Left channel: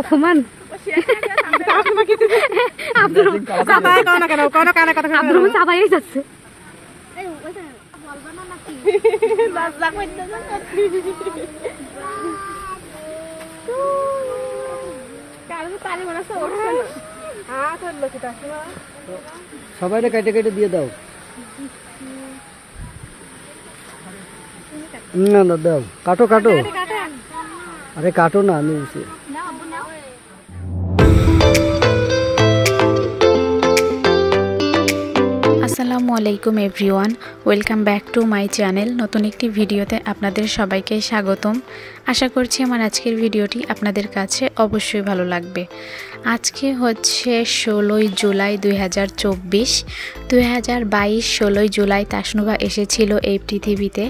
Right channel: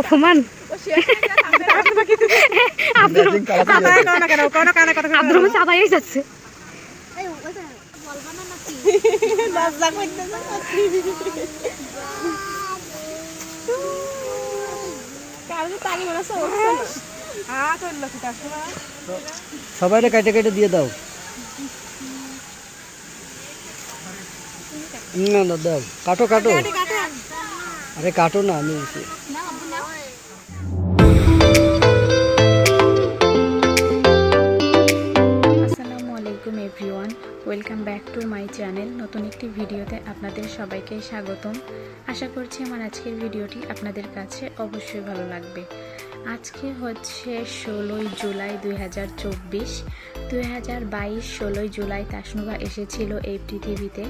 অপমান আব্দুর চাপাই যাচ্ছে। সবাই কেটে কেটে দিয়ে দাও। না না দাও, কাটো কাটো। আরে কাটো না, আমি আসসালামু আলাইকুম everyone, welcome back to my channel. নতুন একটি ভিডিওতে আপনাদের সবাইকে স্বাগতম। আশা করছি আমার আজকের ভিডিওটি আপনাদের কাছে অবশ্যই ভালো লাগবে। আজকে হচ্ছে 16ই জুলাই 2024। 2022 16ই জুলাই তাসনুভা এসেছিল এই পৃথিবীতে।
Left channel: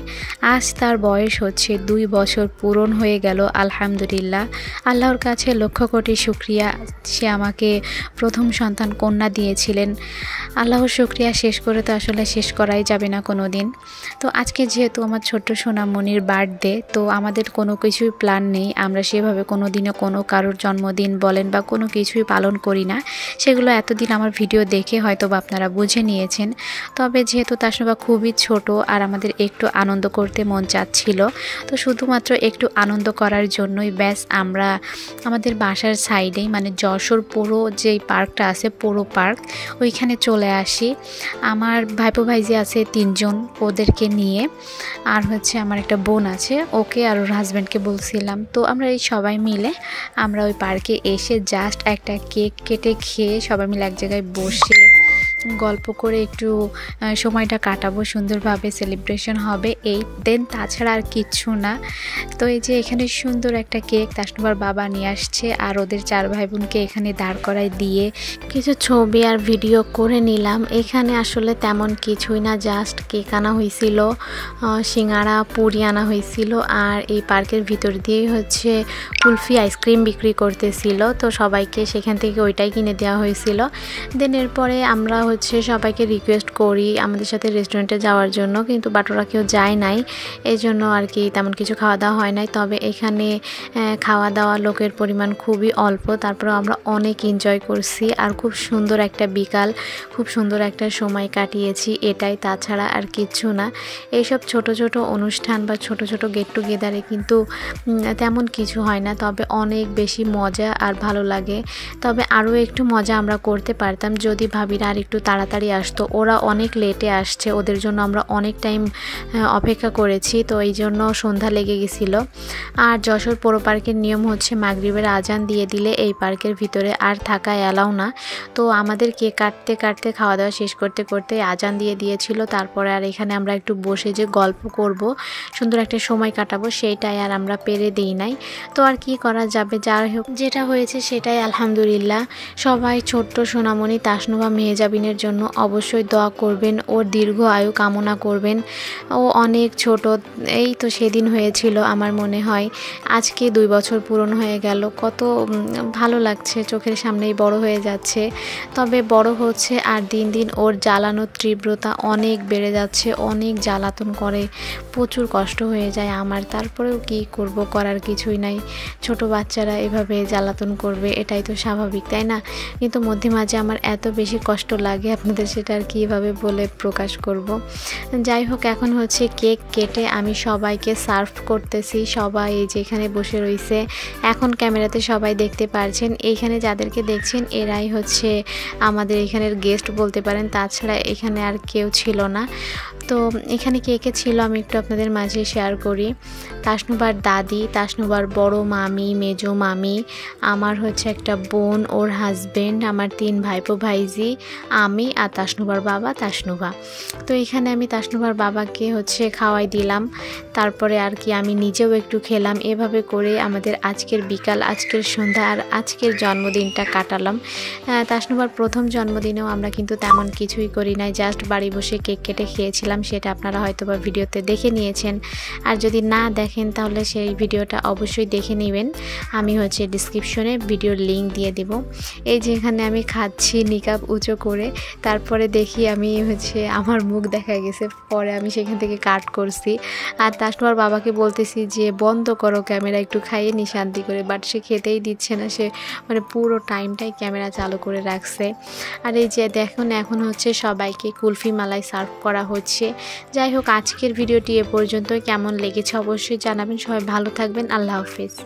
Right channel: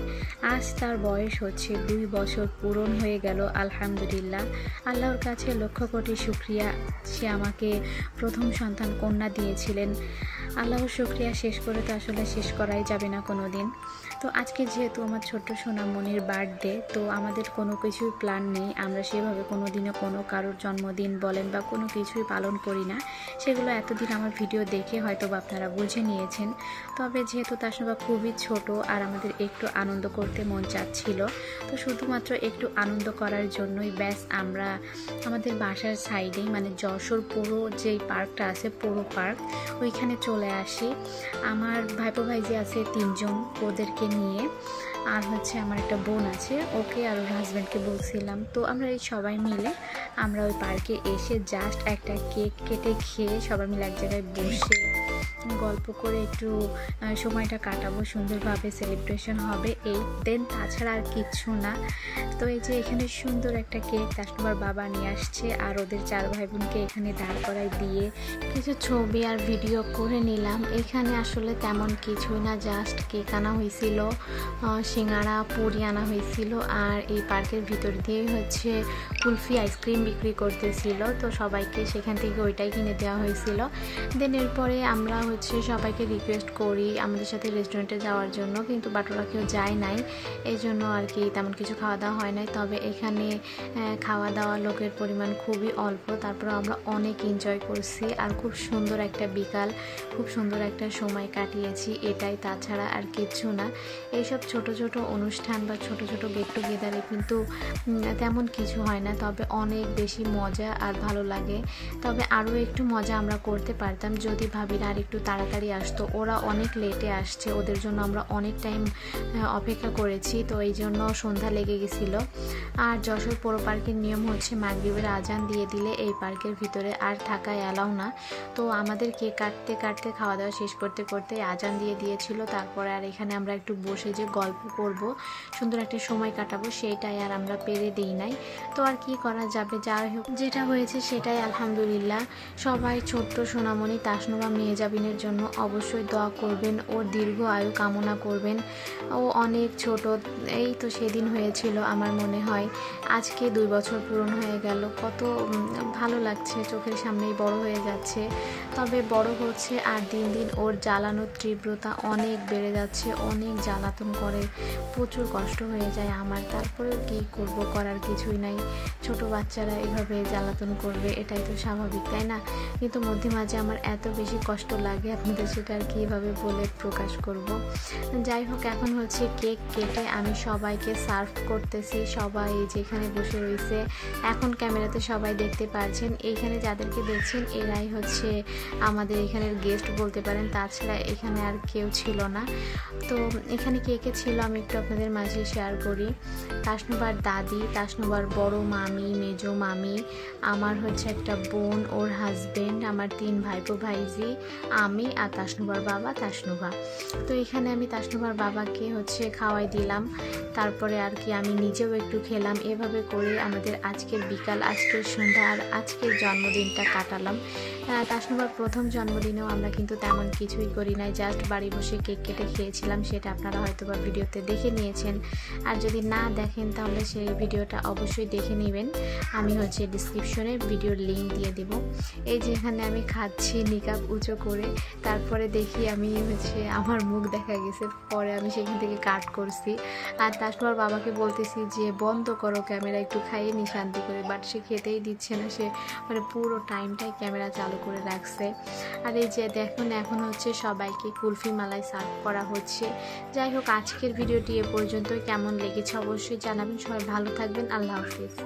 আজ তার বয়স হচ্ছে 2 বছর পূরণ হয়ে গেল। আলহামদুলিল্লাহ, আল্লাহর কাছে লক্ষ কোটি শুকরিয়া, সে আমাকে প্রথম সন্তান কন্যা দিয়েছিলেন। আল্লাহর শুকরিয়া শেষ করে তো আসলে শেষ করাই যাবে না কোনো দিন। তো আজকে যেহেতু আমার ছোট্ট সোনামণির বার্থডে, তো আমাদের কোনো কিছুই প্ল্যান নেই। আমরা সেভাবে কোনো দিনও কোনো কারোর জন্মদিন বলেন বা কোনো কিছুই পালন করি না। সেগুলো এতদিন আমার ভিডিও দেখে হয়তো বা আপনারা বুঝে নিয়েছেন। তবে যেহেতু তাসনুভা খুবই ছোট আর আমাদের একটু আনন্দ করতে মন চাচ্ছিল, তো শুধুমাত্র একটু আনন্দ করার জন্যই ব্যাস আমরা আমাদের বাসার সাইডেই মানে যশোর পুরো যেই পার্কটা আছে, পুরো পার্ক, ওইখানে চলে আসি। আমার ভাইপো ভাইজি আছে 3 জন, ওদেরকে নিয়ে, আর হচ্ছে আমার একটা বোন আছে, ওকে আর ওর হাজব্যান্ডকে বলছিলাম। তো আমরা এই সবাই মিলে আমরা ওই পার্কে এসে জাস্ট একটা কেক কেটে খেয়ে সবাই মিলে এক জায়গায় বসে গল্প করে একটু সময়টা কাটাবো, সুন্দরভাবে সেলিব্রেশন হবে এই দেন, তাছাড়া আর কিচ্ছু না। তো এই যে এখানে সুন্দর একটা কেক তাসনুভার বাবা নিয়ে আসছে, আর ওদের 4 ভাই বোনকে এখানে দাঁড় করায় দিয়ে কিছু ছবি আর ভিডিও করে নিলাম। এখানে আসলে তেমন কিছুই না, জাস্ট কেক আনা হয়েছিল, সিঙ্গাড়া পুরি আনা হয়েছিল, আর এই পার্কের ভিতর দিয়েই হচ্ছে কুলফি আইসক্রিম বিক্রি করতেছিল। তো সবাইকে সেখান থেকে ওইটাই কিনে দেওয়া হয়েছিল। দেন এরপরে আমরা হচ্ছে সবাইকে রিকোয়েস্ট করি আমাদের সাথে রেস্টুরেন্টে যাওয়ার জন্য, কিন্তু বাটোরা কেউ যায় নাই, এই জন্য আর কি তেমন কিছু খাওয়া দাওয়া হয় নাই। তবে এখানে খাওয়া দাওয়া লোকের পরিমাণ খুবই অল্প, তারপরে আমরা অনেক এনজয় করছি আর খুব সুন্দর একটা বিকাল, খুব সুন্দর একটা সময় কাটিয়েছি, এটাই, তাছাড়া আর কিচ্ছু না। এইসব ছোট ছোট অনুষ্ঠান বা ছোট ছোট গেট টুগেদারে কিন্তু তেমন কিছু হয় না, তবে অনেক বেশি মজা আর ভালো লাগে। তবে আরও একটু মজা আমরা করতে পারতাম যদি ভাবিরা আর একটু তাড়াতাড়ি আসতো। ওরা অনেক লেটে আসছে, ওদের জন্য আমরা অনেক টাইম অপেক্ষা করেছি, তো এই জন্য সন্ধ্যা লেগে গেছিল। আর যশোর পৌর পার্কের নিয়ম হচ্ছে মাগরিবের আজান দিয়ে দিলে এই পার্কের ভিতরে আর থাকা অ্যালাউ না। তো আমাদের কেক কাটতে কাটতে খাওয়া দাওয়া শেষ করতে করতে আজান দিয়ে দিয়েছিল। তারপরে আর এখানে আমরা একটু বসে যে গল্প করব, সুন্দর একটা সময় কাটাবো, সেইটাই আর আমরা পেরে দিই নাই। তো আর কি করা যাবে, যাই হোক যেটা হয়েছে সেটাই আলহামদুলিল্লাহ। সবাই ছোট্ট সোনামণি তাসনুভা মেহজাবিনের জন্য অবশ্যই দোয়া করবেন, ওর দীর্ঘ আয়ু কামনা করবেন। ও অনেক ছোট, এই তো সেদিন হয়েছিল আমার মনে হয়, আজকে 2 বছর পূরণ হয়ে গেল। কত ভালো লাগছে, চোখের সামনেই বড় হয়ে যাচ্ছে। তবে বড় হচ্ছে আর দিন দিন ওর জ্বালানোর তীব্রতা অনেক বেড়ে যাচ্ছে, অনেক জ্বালাতন করে, প্রচুর কষ্ট হয়ে যায় আমার। তারপরেও কি করব, করার কিছুই নাই, ছোট বাচ্চারা এভাবে জ্বালাতন করবে, এটাই তো স্বাভাবিক, তাই না? কিন্তু মধ্যে মাঝে আমার এত বেশি কষ্ট লাগে, আপনাদের সেটা আর কীভাবে বলে প্রকাশ করব। যাই হোক, এখন হচ্ছে কেক কেটে আমি সবাইকে সার্ভ করতেছি। সবাই এই যে এখানে বসে রয়েছে, এখন ক্যামেরাতে সবাই দেখতে পারছেন। এইখানে যাদেরকে দেখছেন এরাই হচ্ছে আমাদের এখানের গেস্ট বলতে পারেন, তাছাড়া এখানে আর কেউ ছিল না। তো এখানে কে কে ছিল আমি একটু আপনাদের মাঝে শেয়ার করি। তাসনুভার দাদি, তাসনুভার বড় মামি, মেজো মামি, আমার হচ্ছে একটা বোন, ওর হাজব্যান্ড, আমার 3 ভাইপো ভাইজি, আমি আর তাসনুভার বাবা তাসনুভা। তো এখানে আমি তাসনুভার বাবাকে হচ্ছে খাওয়াই দিলাম, তারপরে আর কি আমি নিজেও একটু খেলাম। এভাবে করে আমাদের আজকের বিকাল, আজকের সন্ধ্যা আর আজকের জন্মদিনটা কাটালাম। তাসনুভার প্রথম জন্মদিনেও আমরা কিন্তু তেমন কিছুই করি নাই, জাস্ট বাড়ি বসে কেক কেটে খেয়েছিলাম, সেটা আপনারা হয়তো বা ভিডিওতে দেখে নিয়েছেন। আর যদি না দেখেন তাহলে সেই ভিডিওটা অবশ্যই দেখে নেবেন, আমি হচ্ছে ডিসক্রিপশনে ভিডিওর লিঙ্ক দিয়ে দিব। এই যে এখানে আমি খাচ্ছি নিকাব উঁচু করে, তারপরে দেখি আমি হচ্ছে আমার মুখ দেখা গেছে, পরে আমি সেখান থেকে কাট করছি। আর তারপর বাবাকে বলতেছি যে বন্ধ করো ক্যামেরা, একটু খাইয়ে নি শান্তি করে, বাট সে খেতেই দিচ্ছে না, সে মানে পুরো টাইমটাই ক্যামেরা চালু করে রাখছে। আর এই যে দেখুন এখন হচ্ছে সবাইকে কুলফি মালাই সার্ভ করা হচ্ছে। যাই হোক, আজকের ভিডিওটি এ পর্যন্ত। কেমন লেগেছে অবশ্যই জানাবেন। সবাই ভালো থাকবেন। আল্লাহ হাফিজ।